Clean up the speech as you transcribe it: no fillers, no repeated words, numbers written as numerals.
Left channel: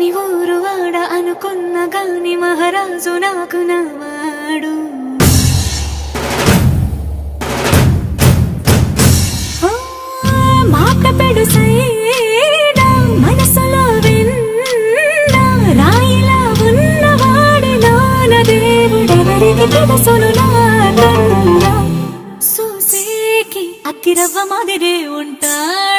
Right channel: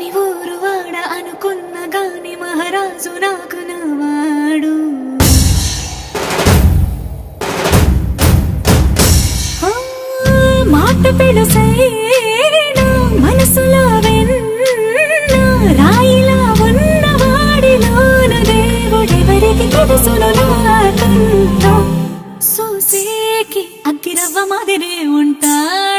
అని ఊరు వాడ అనుకున్న గాని మహారాజు నాకు నవాడు. మాట పెడుసైనా మనసులో వెన్న రాయిలా ఉన్నవాడిలోన దేవుడెవరికి తెలుసును నాకన్నా. సూసేకి అగ్గిరవ్వ మాదిరే ఉంటాడు.